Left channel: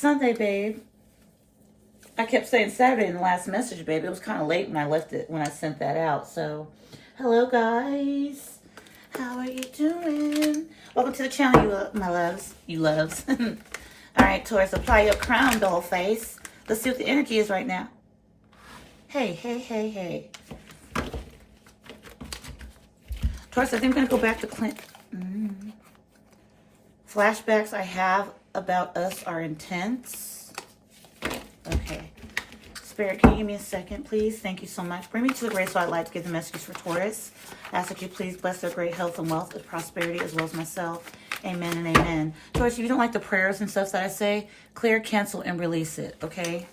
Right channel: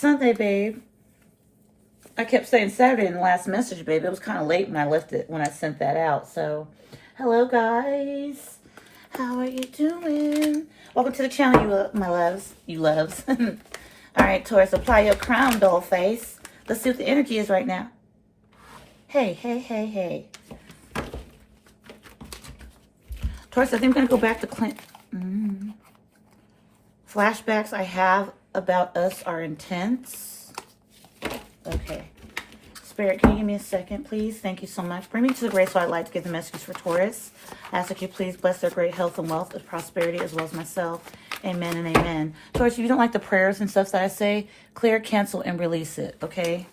Sunday, babe. I kept saying Saturday in the last message, babe. It was kind of late when I left it, when I sent that out. So, hello, guys. How are you doing? Welcome to the channel, my loves. You loves. All right, Taurus, apply your crown, doll face. Let's see what the energy is right now. Hey, hey, hey, hey. Taurus, I think I'm going to go back to Clint. Flashbacks I have about us are intense. Okay. Spirit, can you give me a second, please? Thank you so much. Bring me to the grace so I'd like to give the messages for Taurus. Ask that you please bless their great health and wealth and prosperity as well as myself. Amen and amen. Taurus, if you don't like the prayers and stuff that I say, clear, cancel, and release it, okay?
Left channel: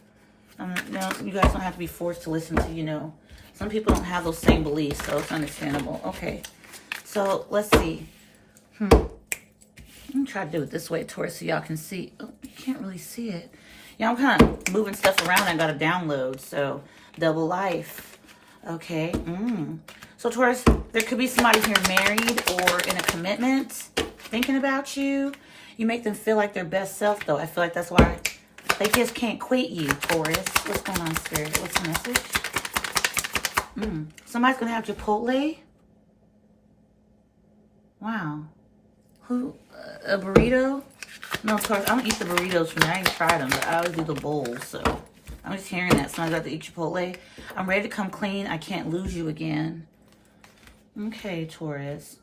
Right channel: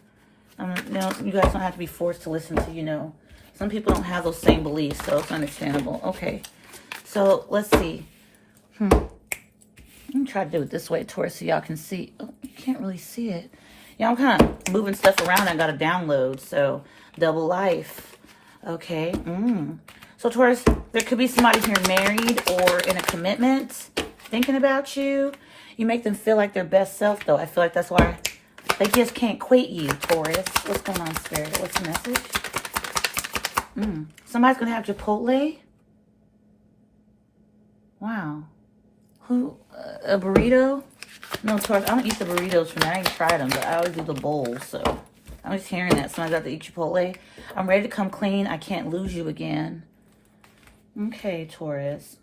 No, you guys don't have to be forced to listen to, some people don't have those same beliefs, so it's understandable. Okay. So, let's see. Let me try to do it this way, Taurus, so y'all can see. Oh, you can't really see it. Yeah, I'm kind of moving stuff around. I got to download, so double life. Okay. So, Taurus, there could be somebody here married or in a commitment thinking about you. You make them feel like their best self, though. I feel like that's why they just can't quit you, Taurus. What's going on, Spirit? What's the message? Somebody's going to have Chipotle. Wow. Who? A burrito? No, Taurus, I don't eat the burritos from me. I ain't tried them, but I always do the bowls, so I'm just hearing that. Somebody's got to eat Chipotle. I'm ready to come clean. I can't lose you again. Okay, Taurus.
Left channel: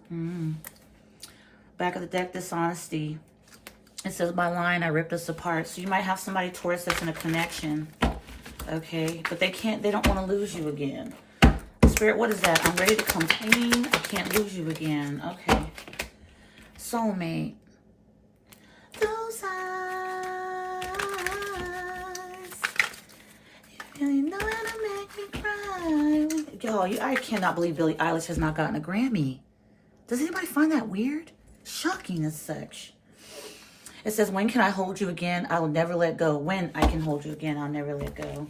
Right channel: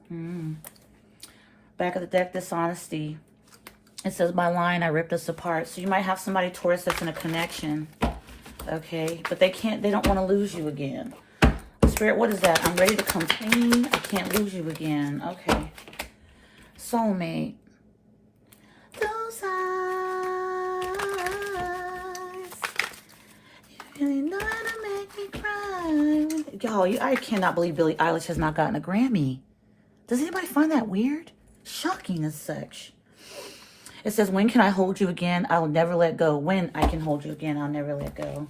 Back of the deck, dishonesty. It says, by lying, I ripped us apart. So you might have somebody, Taurus, that's in a connection. Okay, but they don't want to lose you again. Spirit, what is that? I'm ready to come clean. I can't lose you again. Okay. Soulmate. Those eyes, you really know how to make me cry. Y'all, I cannot believe Billie Eilish has not gotten a Grammy. Does anybody find that weird? Shocking as such. It says, when can I hold you again? I will never let go. When I can hold you again, I'll never let go.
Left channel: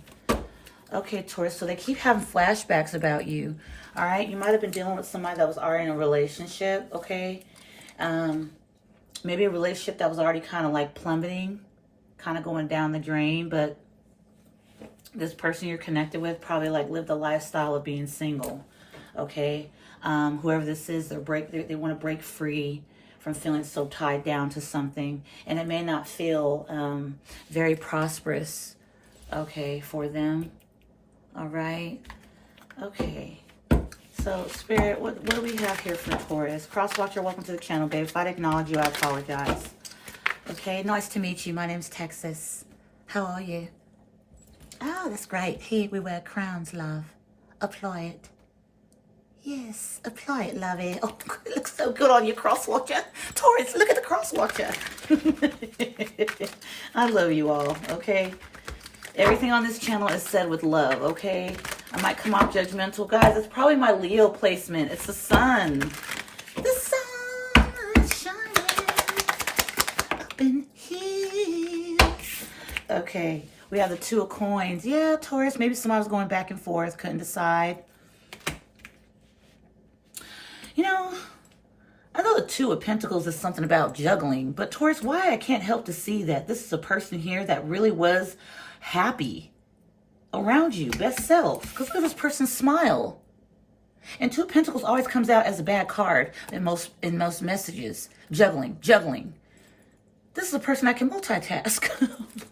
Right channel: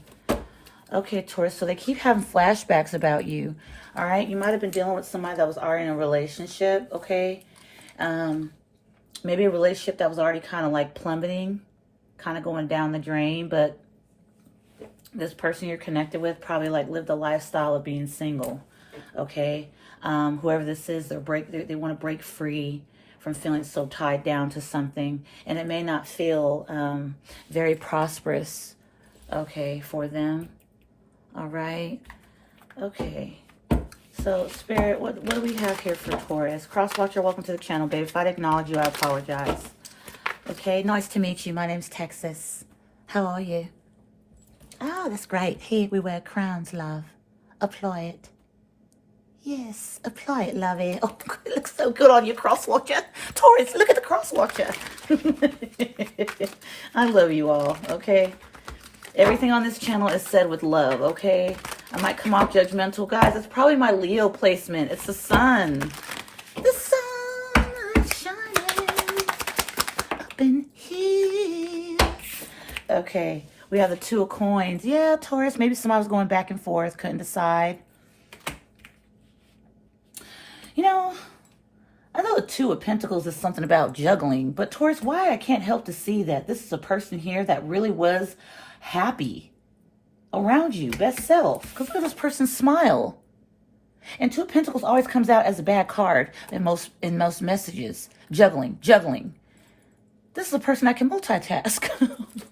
Okay, Taurus, so they keep having flashbacks about you. All right, you might have been dealing with somebody that was already in a relationship, okay? Maybe a relationship that was already kind of like plummeting, kind of going down the drain, but this person you're connected with probably like lived a lifestyle of being single, okay? Whoever this is, they want to break free from feeling so tied down to something, and it may not feel very prosperous, okay, for them. All right. Okay. So, Spirit, what do we have here for Taurus? Crosswatcher, welcome to the channel, babe. If I didn't acknowledge you, I apologize. Okay, nice to meet you. My name's Texas. How are you? Ah, that's great. Here we wear crowns, love. Apply it. Yes, apply it, lovey. Oh, it looks so good on you, Crosswatcher. Taurus, look at the Crosswatcher. I love you all, okay? Everything on this channel is said with love, okay? I might come off judgmental. Guys, it's probably my Leo placement. It's the sun. The sun is shining up in here. Okay, we have the Two of Coins. Yeah, Taurus, maybe somebody was going back and forth, couldn't decide. I know the Two of Pentacles is something about juggling, but Taurus, why I can't help to see that this is a person here that really was happy around you, best self. Because look at this person's smile. And Two of Pentacles always comes out as a bad card in most messages. Juggling. This is a person I can multitask.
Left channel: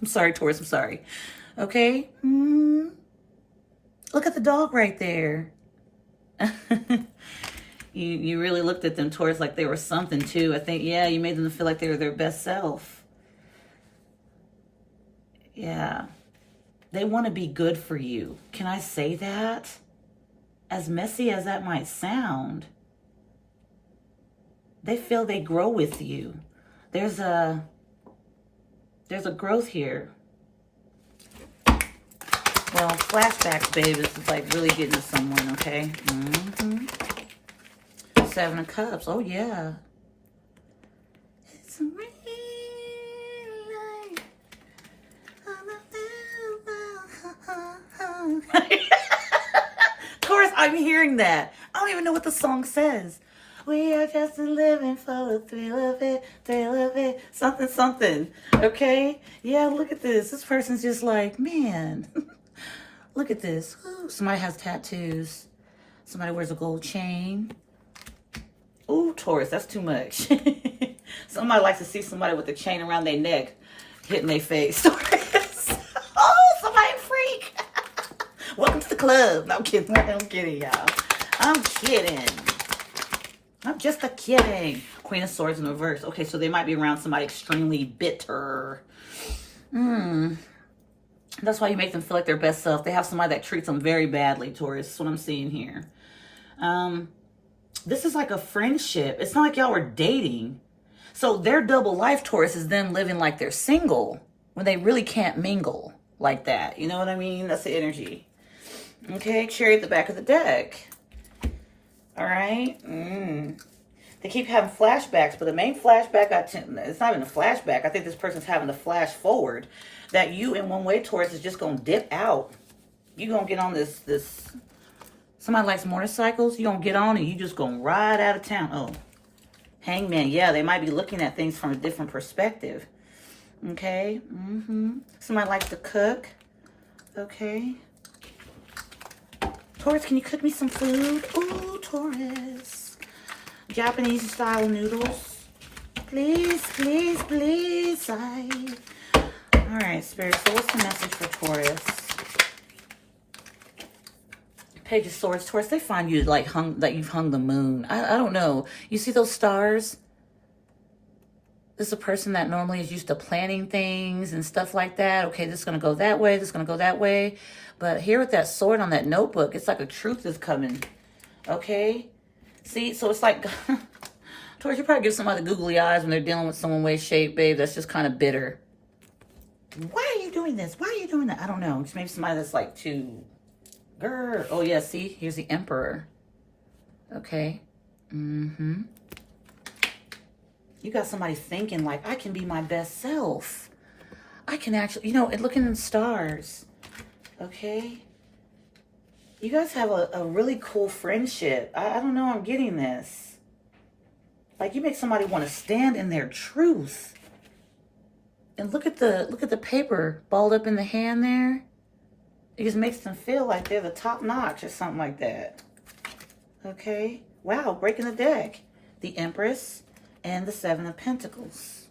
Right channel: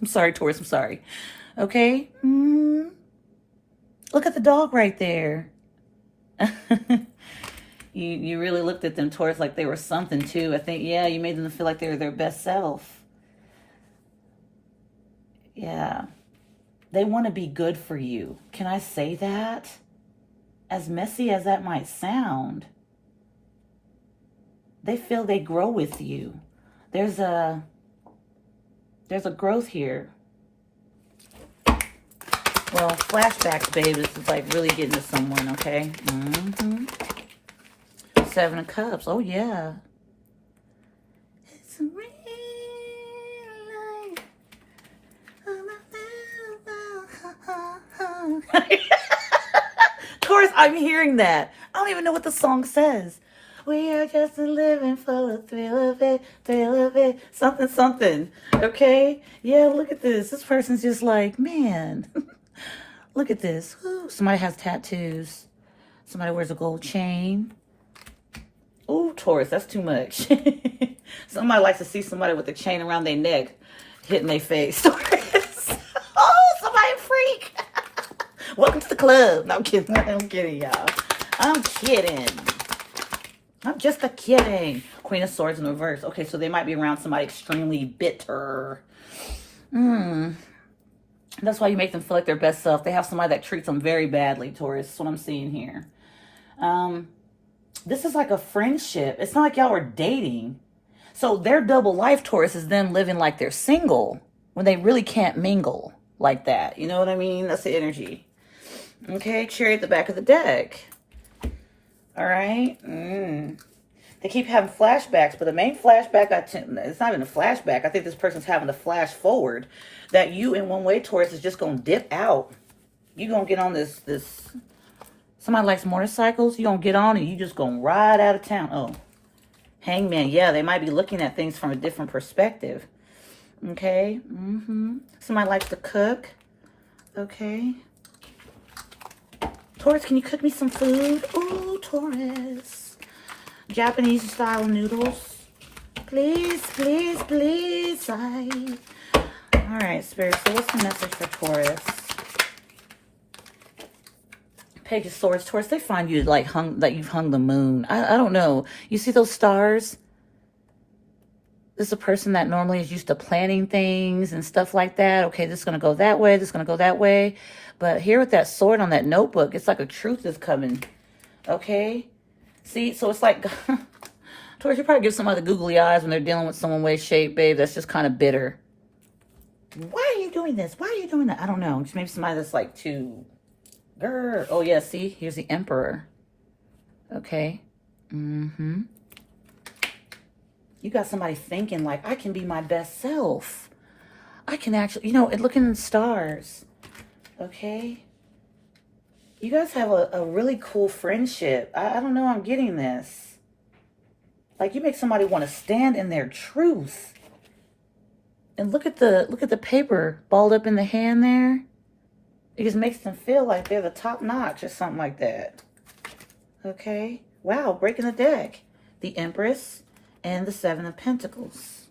I'm sorry, Taurus, I'm sorry. Okay? Look at the dog right there. You really looked at them, Taurus, like they were something too. I think, yeah, you made them feel like they were their best self. Yeah. They want to be good for you. Can I say that? As messy as that might sound, they feel they grow with you. There's a growth here. Well, flashbacks, baby. This is like really getting to someone, okay? Seven of Cups. Oh, yeah. It's a real life. Of course, I'm hearing that. I don't even know what the song says. We are just living for the thrill of it, something, something. Okay? Yeah, look at this. This person's just like, man, look at this. Ooh, somebody has tattoos. Somebody wears a gold chain. Ooh, Taurus, that's too much. Somebody likes to see somebody with a chain around their neck hitting their face. Taurus. Oh, somebody freak. Welcome to the club. No, I'm kidding. I'm kidding, y'all. I'm kidding. I'm just a kidding. Queen of Swords in reverse. Okay, so they might be around somebody extremely bitter. That's why you make them feel like their best self. They have somebody that treats them very badly, Taurus. That's what I'm seeing here. This is like a friendship. It's not like y'all were dating. So their double life, Taurus, is them living like they're single when they really can't mingle like that. You know what I mean? That's the energy. Okay, Cherry at the back of the deck. All right. They keep having flashbacks, but the main flashback, it's not even a flashback. I think this person's having to flash forward that you in one way, Taurus, is just going to dip out. You're going to get on this. Somebody likes motorcycles. You're going to get on and you just going to ride out of town. Oh, Hangman. Yeah, they might be looking at things from a different perspective. Okay. Somebody likes to cook. Okay. Taurus, can you cook me some food? Ooh, Taurus. Japanese style noodles. Please, please, please. All right, Spirit. So what's the message for Taurus? Page of Swords. Taurus, they find you like you've hung the moon. I don't know. You see those stars? This is a person that normally is used to planning things and stuff like that. Okay, this is going to go that way. This is going to go that way. But here with that sword on that notebook, it's like a truth is coming. Okay? See, so it's like, Taurus, you probably give somebody the googly eyes when they're dealing with someone way shaped, babe. That's just kind of bitter. Why are you doing this? Why are you doing that? I don't know. It's maybe somebody that's like too, oh yeah, see, here's the Emperor. Okay. You got somebody thinking like, I can be my best self. I can actually, looking in the stars. Okay. You guys have a really cool friendship. I don't know. I'm getting this. Like you make somebody want to stand in their truth. And look at the paper balled up in the hand there. It just makes them feel like they're the top notch or something like that. Okay. Wow. Breaking the deck. The Empress and the Seven of Pentacles.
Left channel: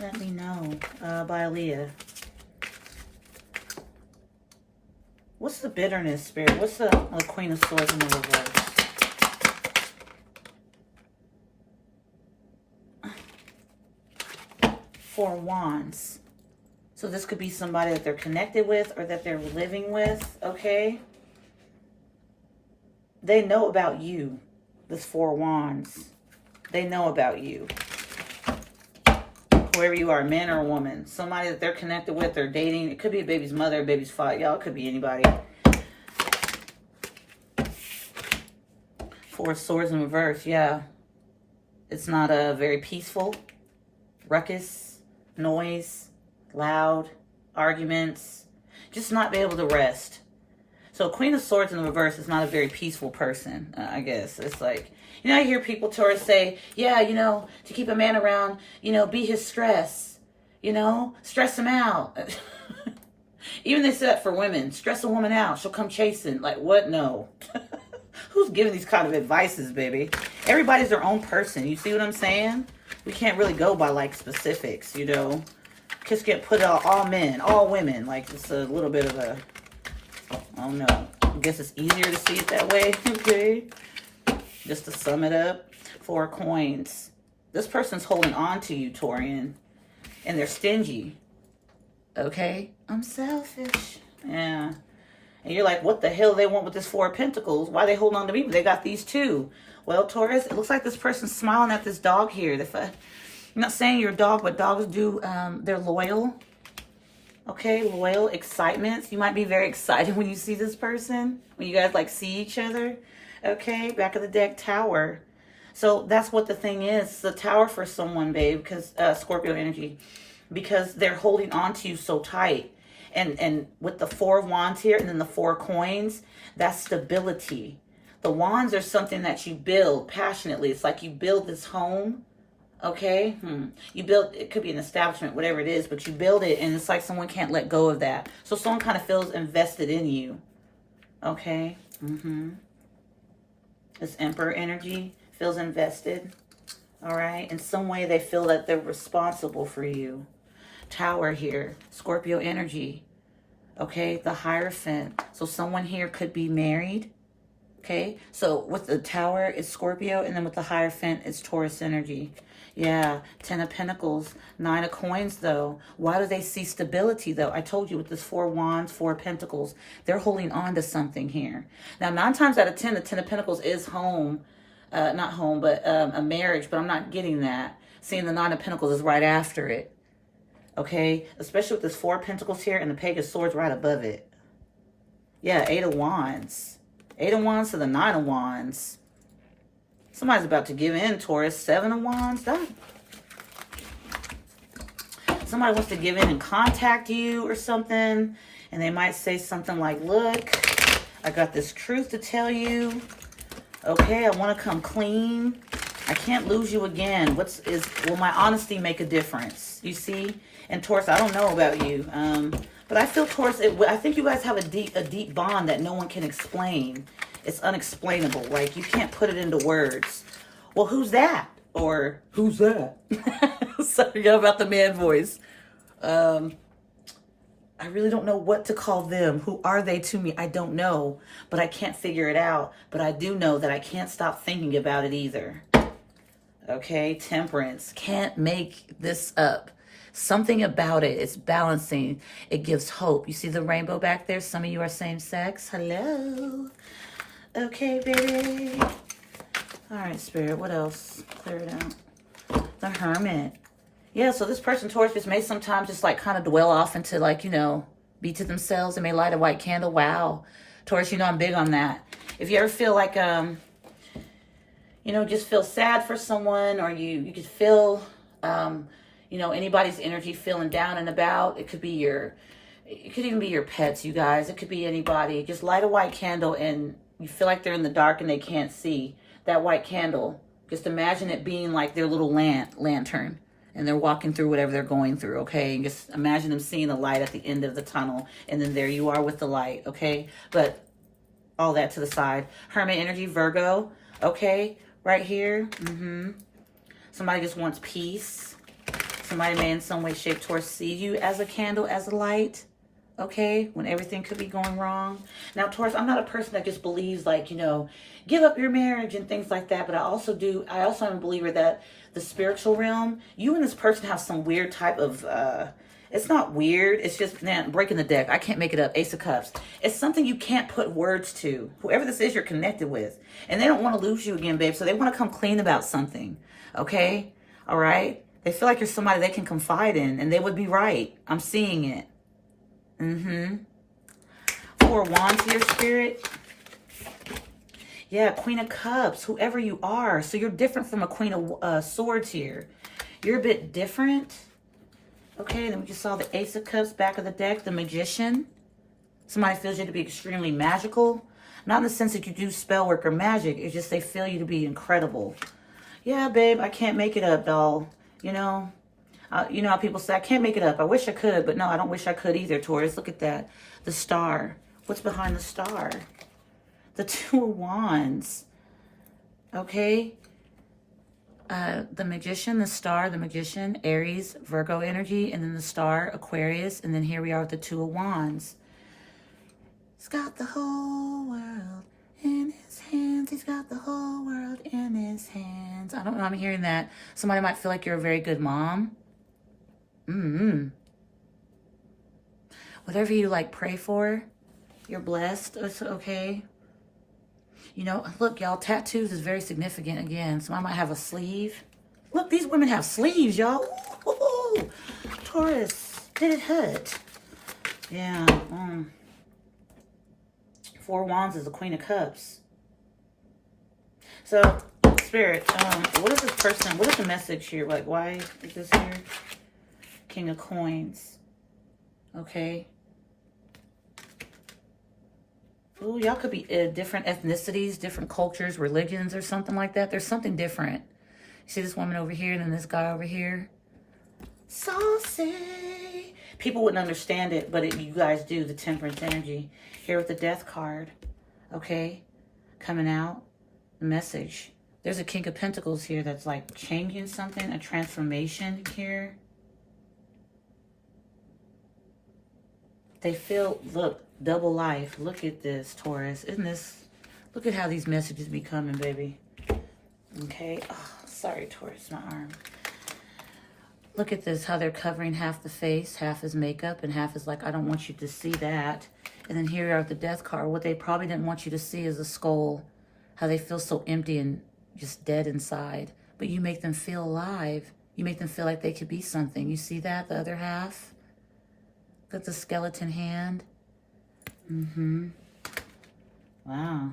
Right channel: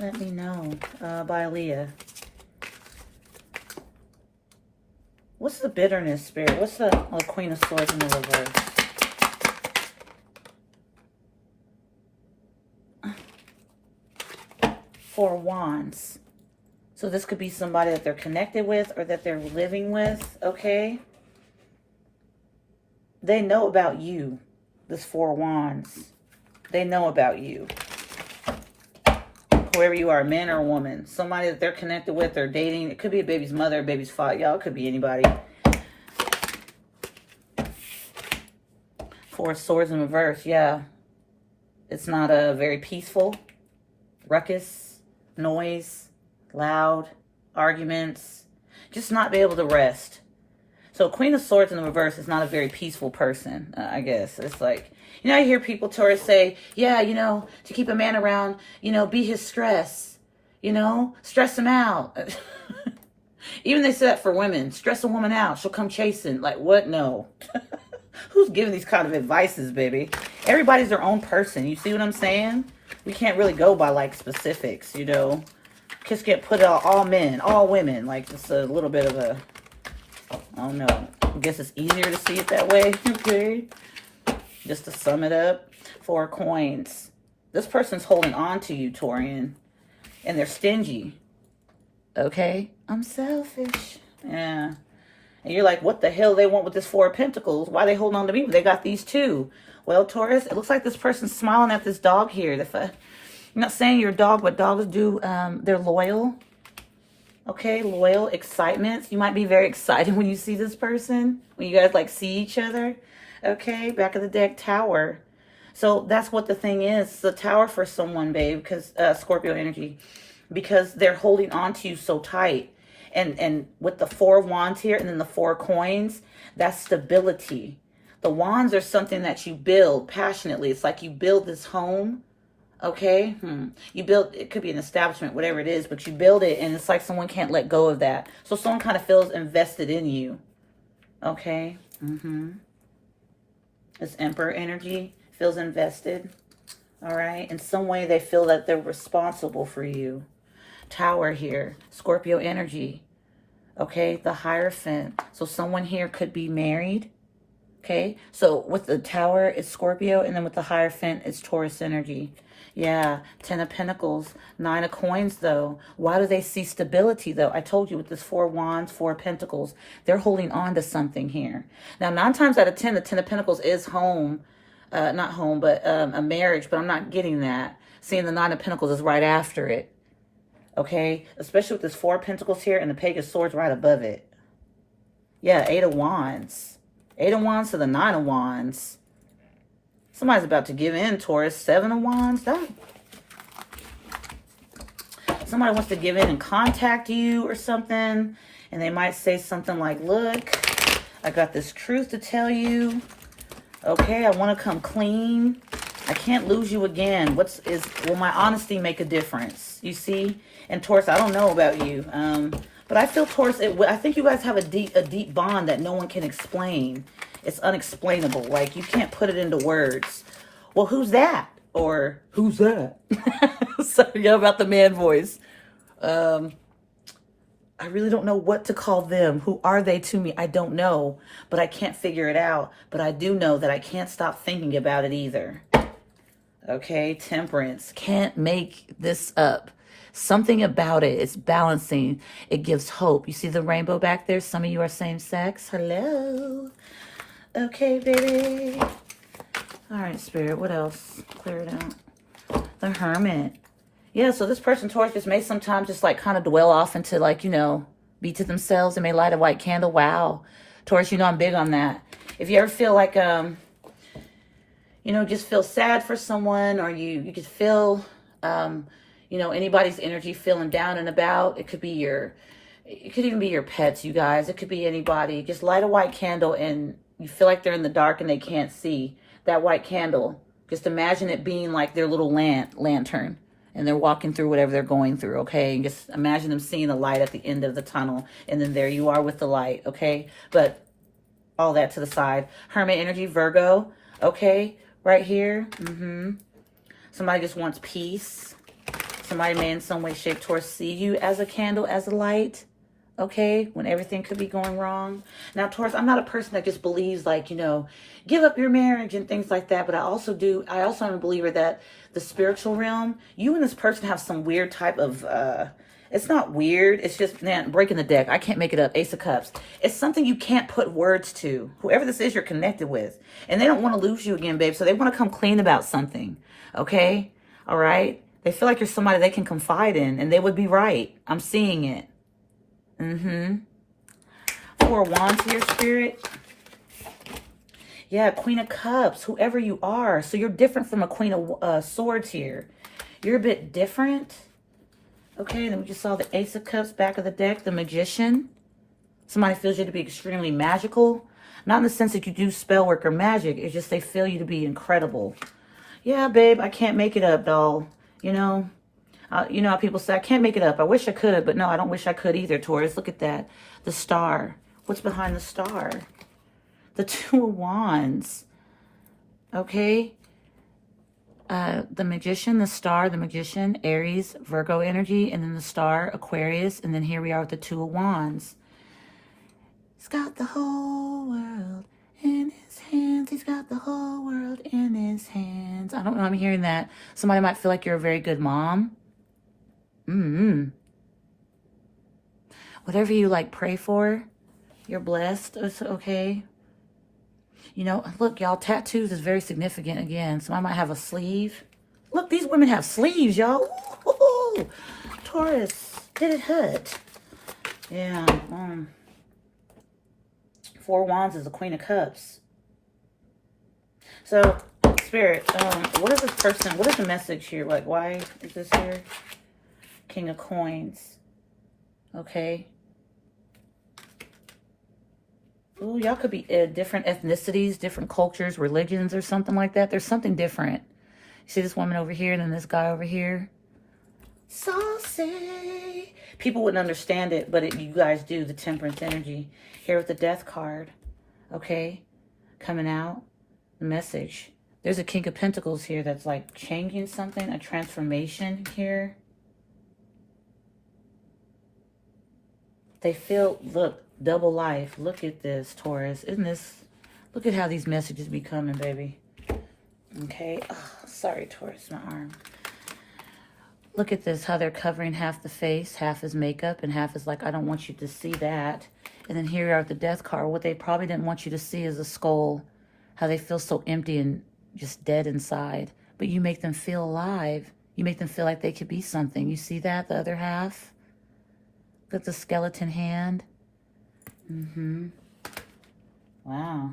Let me know, by Aaliyah. What's the bitterness, Spirit? What's the Queen of Swords in the reverse? Four Wands. So this could be somebody that they're connected with or that they're living with, okay? They know about you, this Four Wands. They know about you. Whoever you are, man or woman. Somebody that they're connected with or dating. It could be a baby's mother, a baby's father. Y'all, it could be anybody. Four Swords in reverse, yeah. It's not very peaceful. Ruckus, noise, loud, arguments. Just not be able to rest. So Queen of Swords in the reverse is not a very peaceful person, I guess. It's like, I hear people, Taurus, say, yeah, to keep a man around, be his stress, stress him out. Even they say that for women. Stress a woman out. She'll come chasing. Like, what? No. Who's giving these kind of advices, baby? Everybody's their own person. You see what I'm saying? We can't really go by, like, specifics, Just get put out all men, all women. Like, it's a little bit of a, I don't know. I guess it's easier to see it that way. Okay. Just to sum it up, 4 coins. This person's holding on to you, Taurian, and they're stingy. Okay? I'm selfish. Yeah. And you're like, what the hell they want with this 4 of Pentacles? Why are they holding on to me? They got these 2. Well, Taurus, it looks like this person's smiling at this dog here. I'm not saying you're a dog, but dogs do, they're loyal. Okay, loyal, excitement. You might be very excited when you see this person, when you guys, like, see each other. Okay, back of the deck, Tower. So that's what the thing is. The Tower for someone, babe, because Scorpio energy, because they're holding on to you so tight. And with the 4 of Wands here and then the 4 coins, that's stability. The wands are something that you build passionately. It's like you build this home, okay? You build, it could be an establishment, whatever it is, but you build it and it's like someone can't let go of that. So someone kind of feels invested in you, okay? This Emperor energy feels invested, all right? In some way they feel that they're responsible for you. Tower here, Scorpio energy, okay? The Hierophant. So someone here could be married, okay? So with the Tower, it's Scorpio, and then with the Hierophant, it's Taurus energy. Yeah, 10 of Pentacles, 9 of Coins, though. Why do they see stability, though? I told you with this 4 Wands, 4 Pentacles, they're holding on to something here. Now, 9 times out of 10, the 10 of Pentacles is home. Not home, but a marriage, but I'm not getting that. Seeing the 9 of Pentacles is right after it. Okay, especially with this 4 of Pentacles here and the Page of Swords right above it. Yeah, 8 of Wands. 8 of Wands to the 9 of Wands. Somebody's about to give in, Taurus. 7 of Wands. Somebody wants to give in and contact you or something. And they might say something like, look, I got this truth to tell you. Okay, I want to come clean. I can't lose you again. Will my honesty make a difference? You see? And Taurus, I don't know about you. But I feel, Taurus, I think you guys have a deep bond that no one can explain. It's unexplainable. Like, you can't put it into words. Well, who's that? Or, who's that? Sorry about the man voice. I really don't know what to call them. Who are they to me? I don't know. But I can't figure it out. But I do know that I can't stop thinking about it either. Okay, Temperance. Can't make this up. Something about it is balancing. It gives hope. You see the rainbow back there? Some of you are same sex. Hello. Okay, baby. All right, Spirit. What else? Clear it out. The Hermit. Yeah, so this person, Taurus, just may sometimes just like kind of dwell off into like, you know, be to themselves and may light a white candle. Wow. Taurus, you know I'm big on that. If you ever feel like, you know, just feel sad for someone, or you could feel, you know, anybody's energy feeling down and about. It could even be your pets, you guys. It could be anybody. Just light a white candle and you feel like they're in the dark and they can't see that white candle. Just imagine it being like their little lantern. And they're walking through whatever they're going through, okay? And just imagine them seeing the light at the end of the tunnel. And then there you are with the light, okay? But all that to the side. Hermit energy, Virgo, okay? Right here. Somebody just wants peace. Somebody may in some way, shape, Taurus see you as a candle, as a light, okay? When everything could be going wrong. Now, Taurus, I'm not a person that just believes like, you know, give up your marriage and things like that. But I also am a believer that the spiritual realm, you and this person have some weird type of, it's not weird. It's just, man, breaking the deck. I can't make it up. Ace of Cups. It's something you can't put words to. Whoever this is you're connected with. And they don't want to lose you again, babe. So they want to come clean about something. Okay? All right? They feel like you're somebody they can confide in. And they would be right. I'm seeing it. 4 Wands here, Spirit. Yeah, Queen of Cups, whoever you are. So you're different from a Queen of Swords here. You're a bit different. Okay, then we just saw the Ace of Cups, back of the deck, the Magician. Somebody feels you to be extremely magical. Not in the sense that you do spell work or magic. It's just they feel you to be incredible. Yeah, babe, I can't make it up, doll. You know how people say, I can't make it up. I wish I could, but no, I don't wish I could either, Taurus. Look at that. The star. What's behind the star? The 2 of Wands. Okay. The Magician, the star, the Magician, Aries, Virgo energy, and then the star, Aquarius, and then here we are with the 2 of Wands. He's got the whole world in his hands. He's got the whole world in his hands. I don't know, I'm hearing that. Somebody might feel like you're a very good mom. Whatever you like, pray for. You're blessed. It's okay. You know, look, y'all, tattoos is very significant again. Somebody might have a sleeve. Look, these women have sleeves, y'all. Taurus, did it hurt? Yeah. 4 Wands is the Queen of Cups. So, Spirit, what is this person, what is the message here? Like, why is this here? King of Coins. Okay. Ooh, y'all could be different ethnicities, different cultures, religions, or something like that. There's something different. You see this woman over here and then this guy over here? Saucy. People wouldn't understand it, but you guys do. The Temperance energy. Here with the Death card. Okay. Coming out. The message. There's a King of Pentacles here that's like changing something. A transformation here. They feel, look, double life. Look at this, Taurus. Isn't this, look at how these messages be coming, baby. Okay. Oh, sorry, Taurus, my arm. Look at this, how they're covering half the face, half is makeup, and half is like, I don't want you to see that. And then here are the Death card. What they probably didn't want you to see is a skull. How they feel so empty and just dead inside. But you make them feel alive. You make them feel like they could be something. You see that, the other half? Look at the skeleton hand. Wow.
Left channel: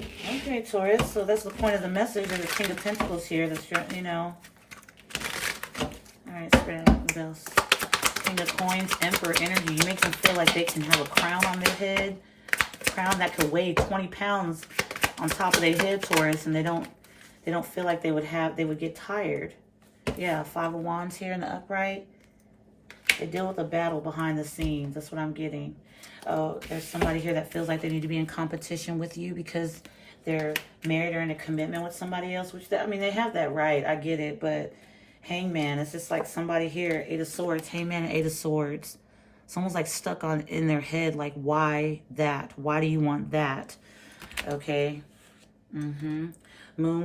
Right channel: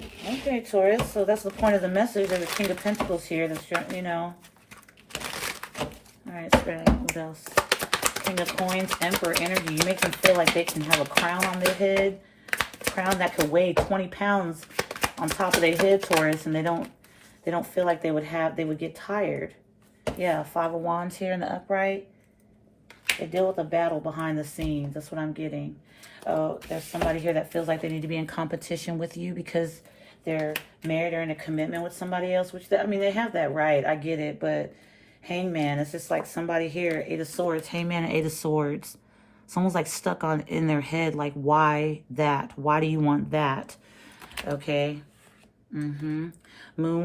Okay, Taurus. So that's the point of the message. There's a King of Pentacles here. That's, you know. All right, spread out. What else? King of Coins, Emperor energy. You make them feel like they can have a crown on their head. A crown that could weigh 20 pounds on top of their head, Taurus. And they don't feel like they would get tired. Yeah, Five of Wands here in the upright. They deal with a battle behind the scenes. That's what I'm getting. Oh, there's somebody here that feels like they need to be in competition with you because they're married or in a commitment with somebody else. Which, I mean, they have that right. I get it. But Hangman, it's just like somebody here. Eight of Swords. Hangman and Eight of Swords. Someone's like stuck in their head. Like, why that? Why do you want that? Okay. Moon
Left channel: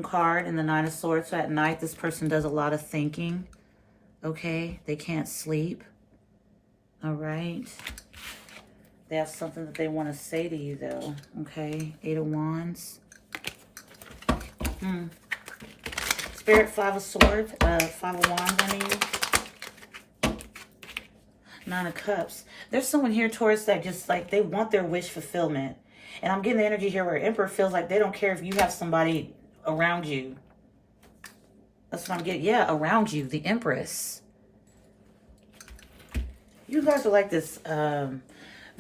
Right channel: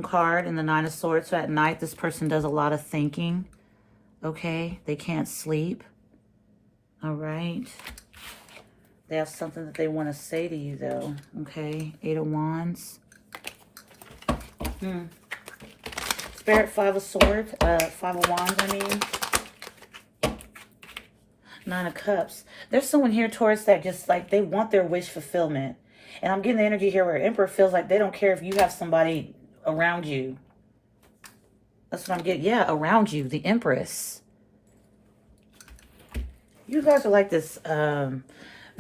card and the Nine of Swords. So at night, this person does a lot of thinking. Okay. They can't sleep. All right. They have something that they want to say to you, though. Okay. Eight of Wands. Spirit, Five of Swords. Five of Wands, I mean. Nine of Cups. There's someone here, Taurus, that just, like, they want their wish fulfillment. And I'm getting the energy here where Emperor feels like they don't care if you have somebody around you. That's what I'm getting. Yeah, around you. The Empress. You guys are like this, I've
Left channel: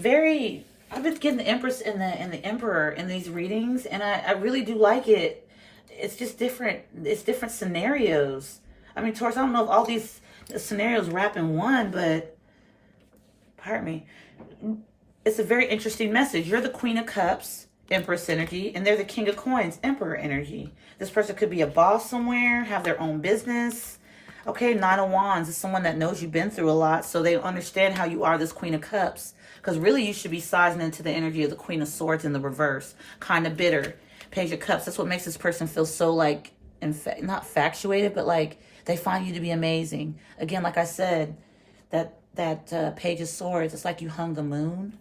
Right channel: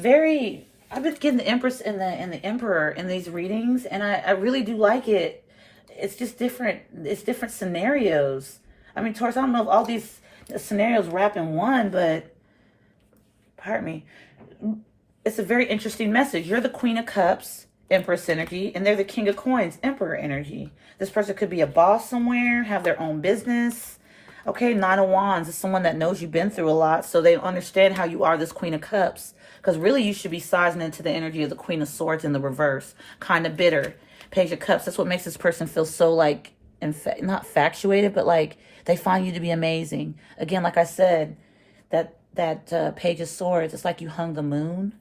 been getting the Empress and the Emperor in these readings, and I really do like it. It's just different. It's different scenarios. I mean, Taurus, I don't know if all these scenarios wrap in one, but, pardon me, it's a very interesting message. You're the Queen of Cups, Empress energy, and they're the King of Coins, Emperor energy. This person could be a boss somewhere, have their own business. Okay, Nine of Wands is someone that knows you've been through a lot, so they understand how you are this Queen of Cups. Because really, you should be sizing into the energy of the Queen of Swords in the reverse. Kind of bitter. Page of Cups, that's what makes this person feel so, like, not infatuated, but, like, they find you to be amazing. Again, like I said, that Page of Swords, it's like you hung the moon.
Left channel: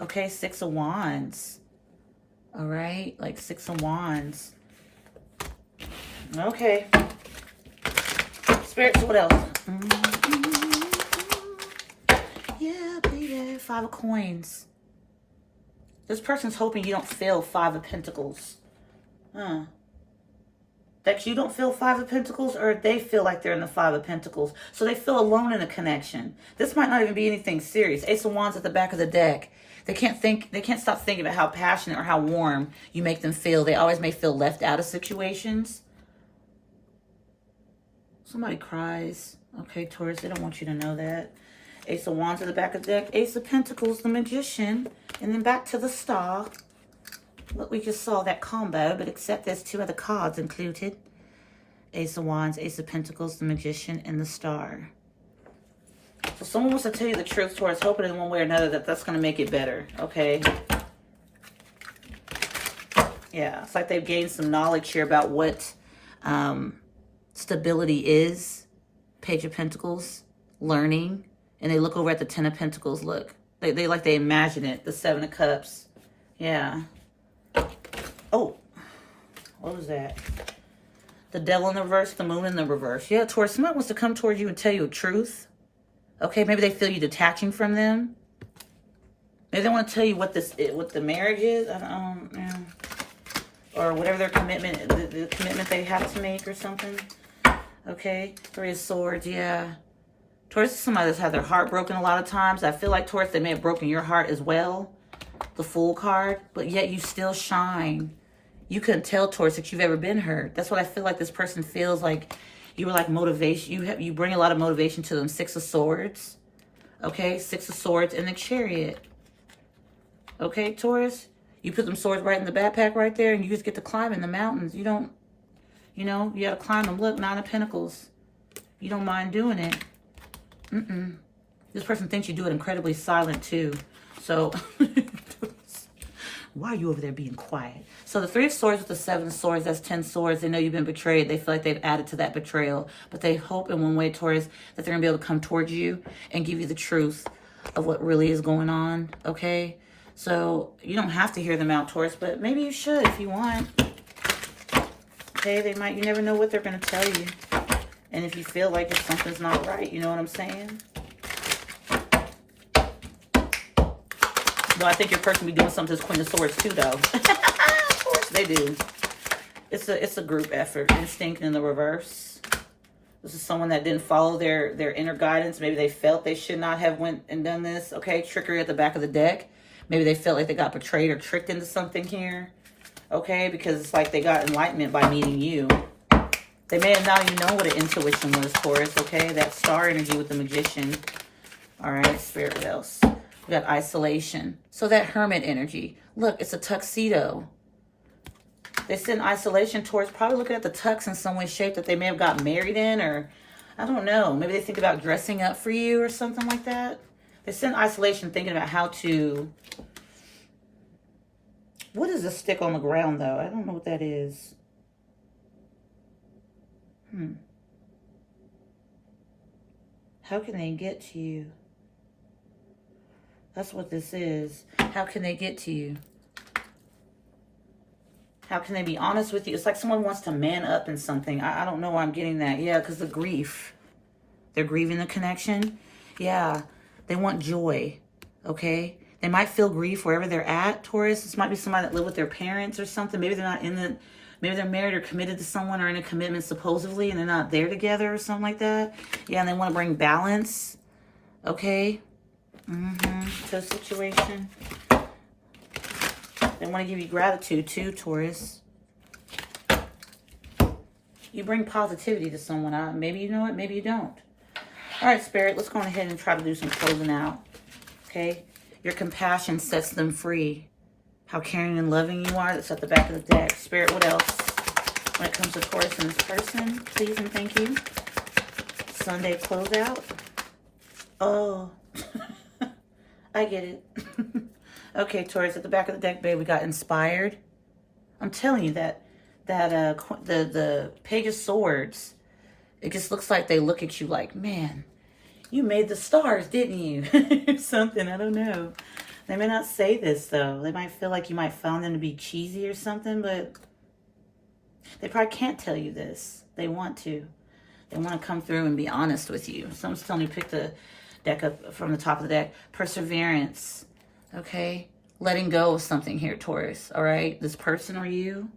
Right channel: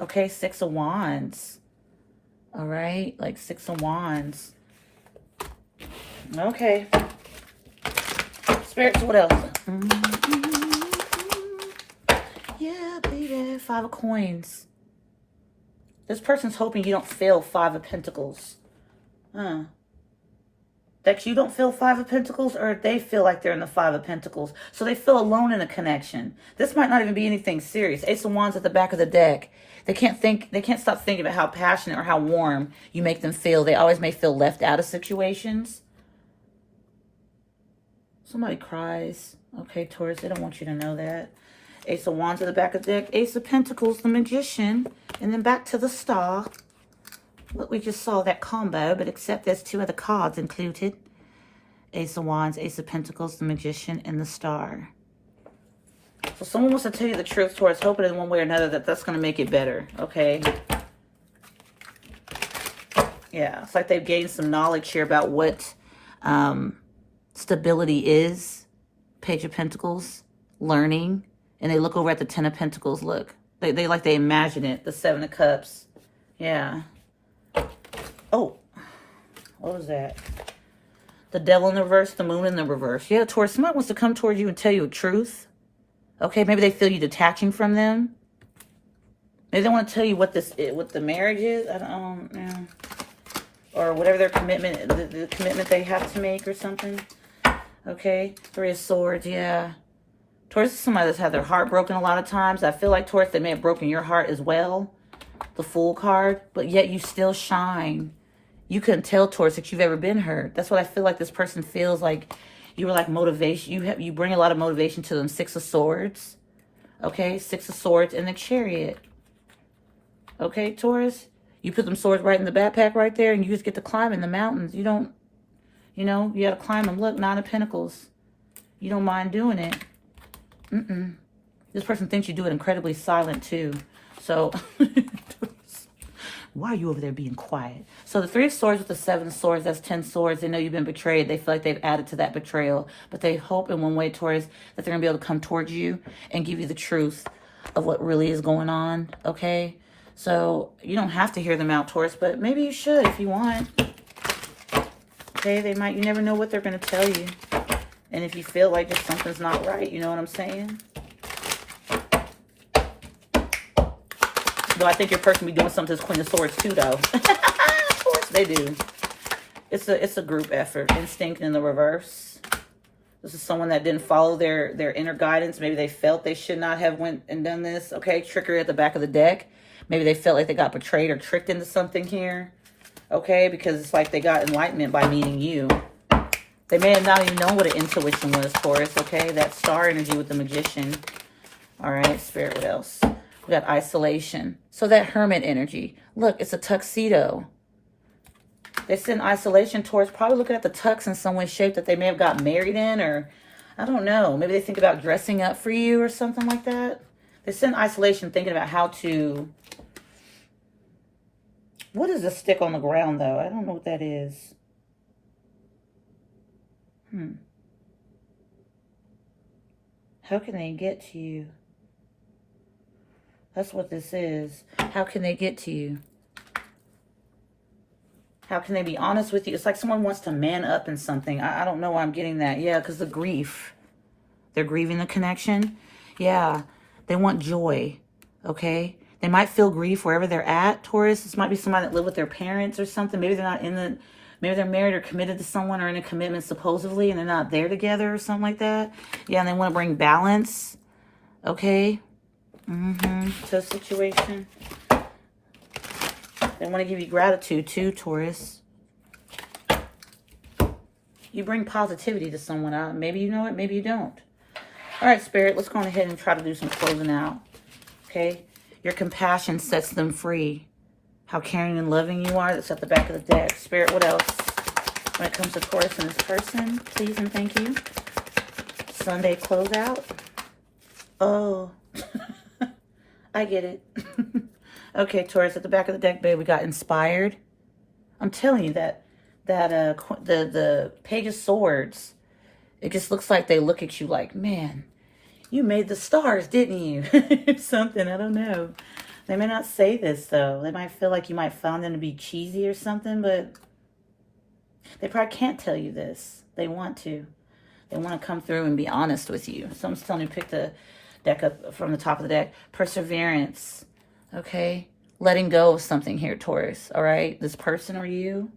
Okay, Six of Wands. All right, like Six of Wands. Okay. Spirits, what else? Yeah, baby. Five of Coins. This person's hoping you don't feel Five of Pentacles. That you don't feel Five of Pentacles, or they feel like they're in the Five of Pentacles. So they feel alone in a connection. This might not even be anything serious. Ace of Wands at the back of the deck. They can't stop thinking about how passionate or how warm you make them feel. They always may feel left out of situations. Somebody cries. Okay, Taurus, they don't want you to know that. Ace of Wands at the back of the deck. Ace of Pentacles, the Magician. And then back to the Star. Look, we just saw that combo, but except there's two other cards included. Ace of Wands, Ace of Pentacles, the Magician, and the Star. So someone wants to tell you the truth, Taurus, hoping in one way or another that that's going to make it better, okay? Yeah, it's like they've gained some knowledge here about what stability is. Page of Pentacles, learning. And they look over at the Ten of Pentacles, look. They like they imagine it, the Seven of Cups. Yeah. Oh, what was that? The Devil in the reverse, the Moon in the reverse. Yeah, Taurus, somebody wants to come towards you and tell you a truth. Okay, maybe they feel you detaching from them. Maybe they want to tell you what the marriage is. I don't know. or whatever their commitment, the commitment they have to make or something. Okay, Three of Swords, yeah. Taurus is somebody that's had their heart broken a lot of times. I feel like, Taurus, they may have broken your heart as well. The Fool card, but yet you still shine. You couldn't tell, Taurus, that you've ever been hurt. That's what I feel like this person feels like. You were like motivation. You bring a lot of motivation to them. Six of Swords. Okay, Six of Swords and the Chariot. Okay, Taurus. You put them swords right in the backpack right there, and you just get to climb in the mountains. You don't, you know, you got to climb them. Look, Nine of Pentacles. You don't mind doing it. This person thinks you do it incredibly silent, too. So, why are you over there being quiet? So the Three of Swords with the Seven of Swords, that's 10 swords. They know you've been betrayed. They feel like they've added to that betrayal. But they hope in one way, Taurus, that they're going to be able to come towards you and give you the truth of what really is going on, okay? So you don't have to hear them out, Taurus, but maybe you should if you want. Okay, they might, you never know what they're going to tell you. And if you feel like if something's not right, you know what I'm saying? Well, I think your person be doing something to Queen of Swords too, though. Of course they do. It's a group effort. Instinct in the reverse. This is someone that didn't follow their inner guidance. Maybe they felt they should not have went and done this. Okay, trickery at the back of the deck. Maybe they felt like they got betrayed or tricked into something here. Okay, because it's like they got enlightenment by meeting you. They may have not even known what an intuition was, Taurus. Okay, that star energy with the Magician. All right, Spirit, what else? We got isolation. So that Hermit energy. Look, it's a tuxedo. They send isolation towards probably looking at the tux in some way, shape that they may have got married in, or I don't know. Maybe they think about dressing up for you or something like that. They send isolation thinking about how to... What is a stick on the ground, though? I don't know what that is. How can they get to you? That's what this is. How can they get to you? How can they be honest with you? It's like someone wants to man up in something. I don't know why I'm getting that. Yeah, because the grief. They're grieving the connection. Yeah, they want joy, okay? They might feel grief wherever they're at, Taurus. This might be somebody that lived with their parents or something. Maybe they're not in the... Maybe they're married or committed to someone or in a commitment supposedly and they're not there together or something like that. Yeah, and they want to bring balance, okay? To a situation. They want to give you gratitude too, Taurus. You bring positivity to someone. Maybe you know it, maybe you don't. All right, Spirit, let's go ahead and try to do some closing out. Okay? Your compassion sets them free. How caring and loving you are. That's at the back of the deck. Spirit, what else? When it comes to Taurus and this person, please and thank you. Sunday closeout. Oh, I get it. Okay, Taurus, at the back of the deck, babe, we got inspired. I'm telling you that the Page of Swords, it just looks like they look at you like, man, you made the stars, didn't you? Something, I don't know. They may not say this, though. They might feel like you might find them to be cheesy or something, but they probably can't tell you this. They want to. They want to come through and be honest with you. Someone's telling me to pick the deck up from the top of the deck. Perseverance. Okay? Letting go of something here, Taurus. All right? This person or you.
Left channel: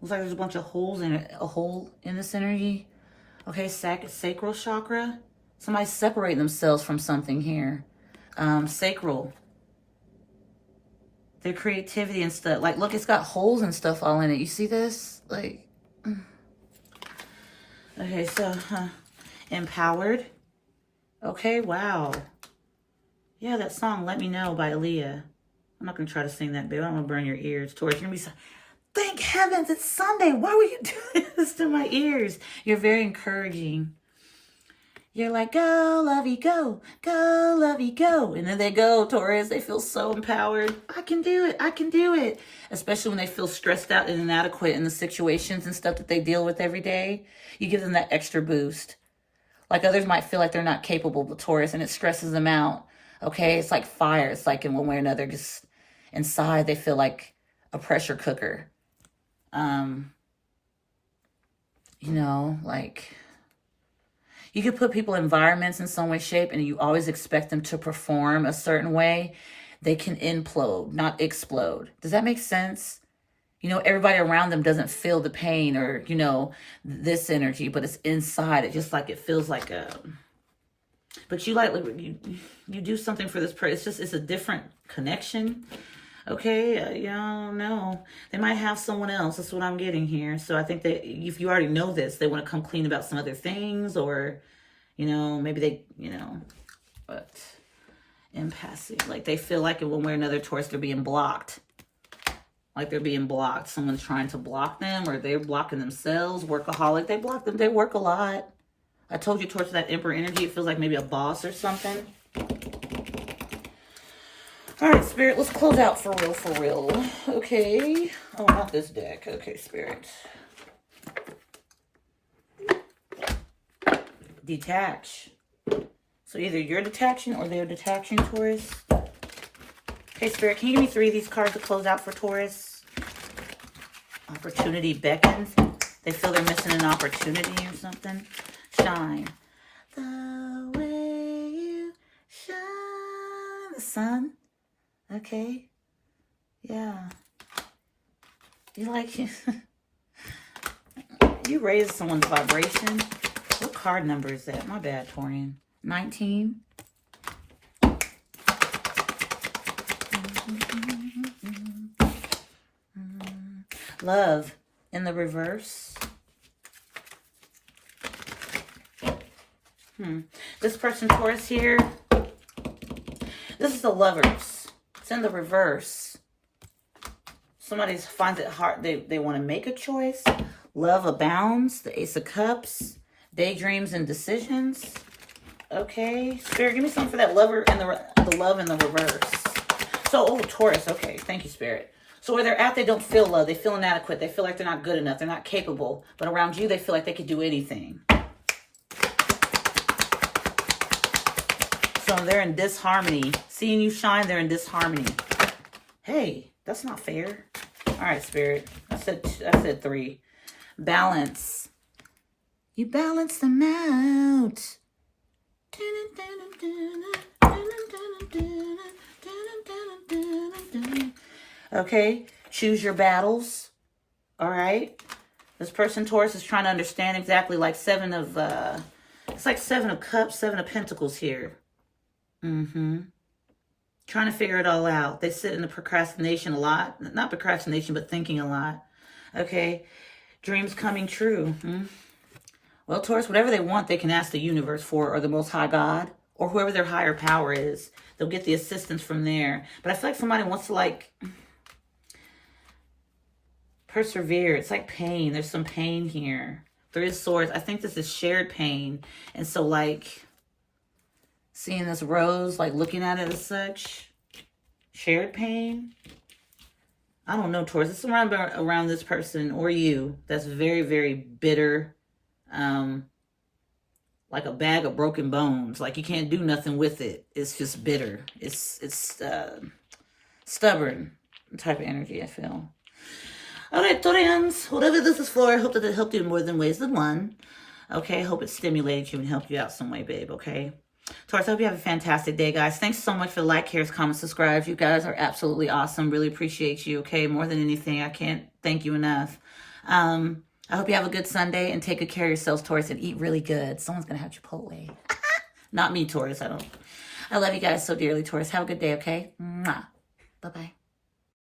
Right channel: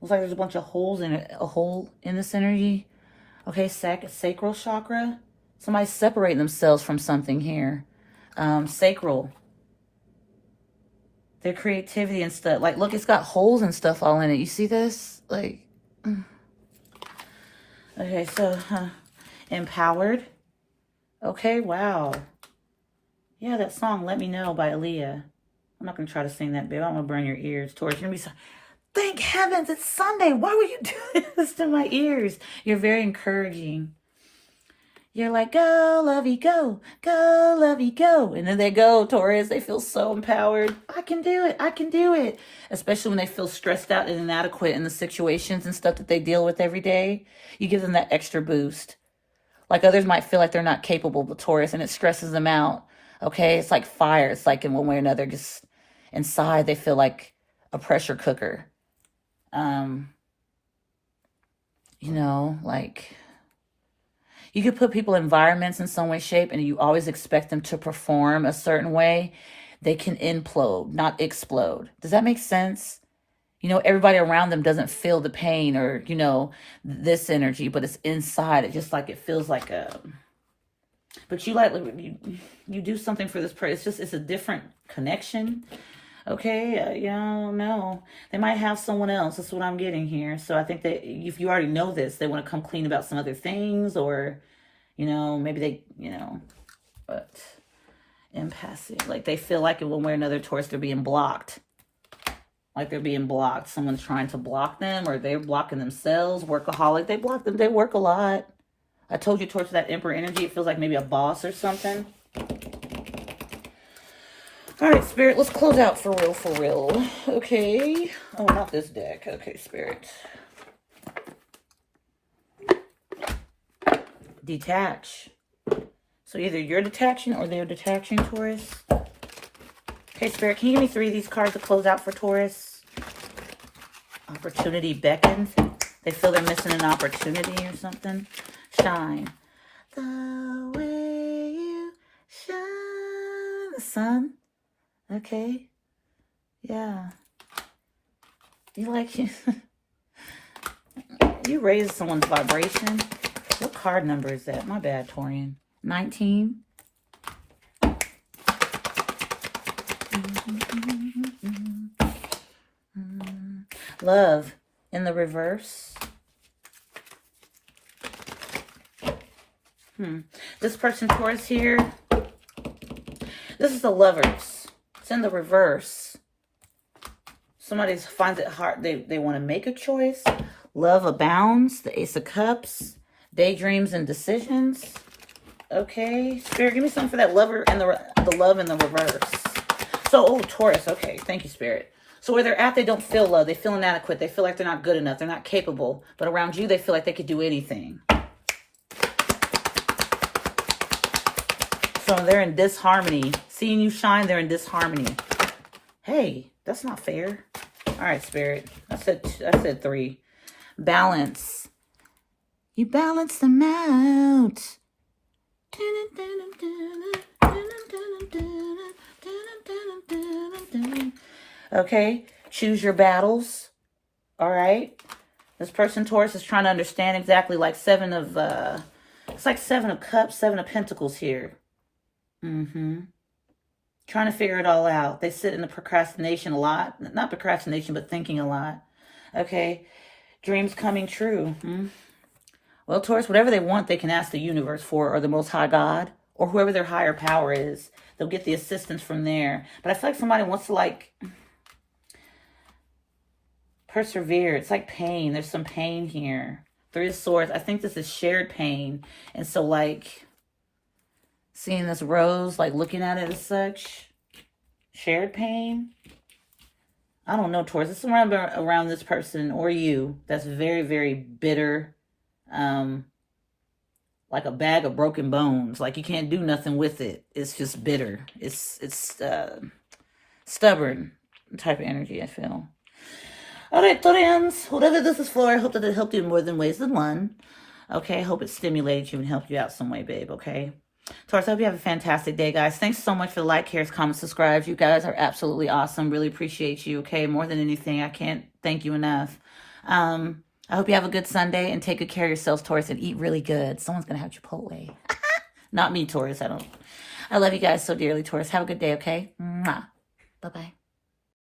Looks like there's a bunch of holes in it. A hole in this energy. Okay? Sacral chakra. Somebody's separating themselves from something here. Sacral. Their creativity and stuff. Like, look, it's got holes and stuff all in it. You see this? Like, okay, so, empowered. Okay, wow. Yeah, that song, Let Me Know by Aaliyah. I'm not going to try to sing that, babe. I don't want to burn your ears. Taurus, you're going to be so, thank heavens, it's Sunday. Why would you do this to my ears? You're very encouraging. You're like, go, lovey, go. Go, lovey, go. And then they go, Taurus. They feel so empowered. I can do it. I can do it. Especially when they feel stressed out and inadequate in the situations and stuff that they deal with every day. You give them that extra boost. Like others might feel like they're not capable, but Taurus, and it stresses them out. Okay? It's like fire. It's like in one way or another, just inside they feel like a pressure cooker. You know, like... You could put people in environments in some way, shape, and you always expect them to perform a certain way. They can implode, not explode. Does that make sense? You know, everybody around them doesn't feel the pain or, you know, this energy, but it's inside. It just like, it feels like a, but you like, you do something for this person. It's just, it's a different connection. Okay, yeah, no. They might have someone else. That's what I'm getting here. So I think that if you already know this, they want to come clean about some other things, or, you know, maybe they, you know, but impassive. Like they feel like in one way or another, Taurus, they're being blocked. Like they're being blocked. Someone's trying to block them, or they're blocking themselves. Workaholic. They block them. They work a lot. I told you, Taurus, that Emperor energy, it feels like maybe a boss or something. All right, Spirit, let's close out for real, for real. Okay. Oh, not this deck. Okay, Spirit. Detach. So either you're detaching or they're detaching, Taurus. Okay, Spirit, can you give me 3 of these cards to close out for Taurus? Opportunity beckons. They feel they're missing an opportunity or something. Shine. The way you shine. The sun. Okay. Yeah. You like you. You raise someone's vibration. What card number is that? My bad, Taurian. 19. Love in the reverse. This person, Taurus, here. This is the Lovers. It's in the reverse. Somebody finds it hard. They want to make a choice. Love abounds. The Ace of Cups. Daydreams and decisions. Okay. Spirit, give me something for that lover and the love in the reverse. So, oh, Taurus. Okay. Thank you, Spirit. So where they're at, they don't feel love. They feel inadequate. They feel like they're not good enough. They're not capable. But around you, they feel like they could do anything. So they're in disharmony. Seeing you shine, they're in disharmony. Hey, that's not fair. All right, Spirit. I said 3. Balance. You balance them out. Okay. Choose your battles. All right. This person, Taurus, is trying to understand exactly like it's like 7 of Cups, 7 of Pentacles here. Trying to figure it all out. They sit in the procrastination a lot. Not procrastination, but thinking a lot. Okay. Dreams coming true. Well, Taurus, whatever they want, they can ask the universe for, or the Most High God, or whoever their higher power is. They'll get the assistance from there. But I feel like somebody wants to, like, persevere. It's like pain. There's some pain here. 3 of Swords. I think this is shared pain. And so, like, seeing this rose, like looking at it as such, shared pain. I don't know, Taurus. This is around this person or you that's very, very bitter. Like a bag of broken bones. Like you can't do nothing with it. It's just bitter. It's stubborn type of energy, I feel. All right, Taurians. Whatever this is for, I hope that it helped you in more than ways than one. Okay, I hope it stimulated you and helped you out some way, babe, okay? Taurus, I hope you have a fantastic day, guys. Thanks so much for the like, shares, comments, subscribes. You guys are absolutely awesome. Really appreciate you, okay? More than anything, I can't thank you enough. I hope you have a good Sunday and take good care of yourselves, Taurus, and eat really good. Someone's going to have Chipotle. Not me, Taurus. I love you guys so dearly, Taurus. Have a good day, okay? Mwah.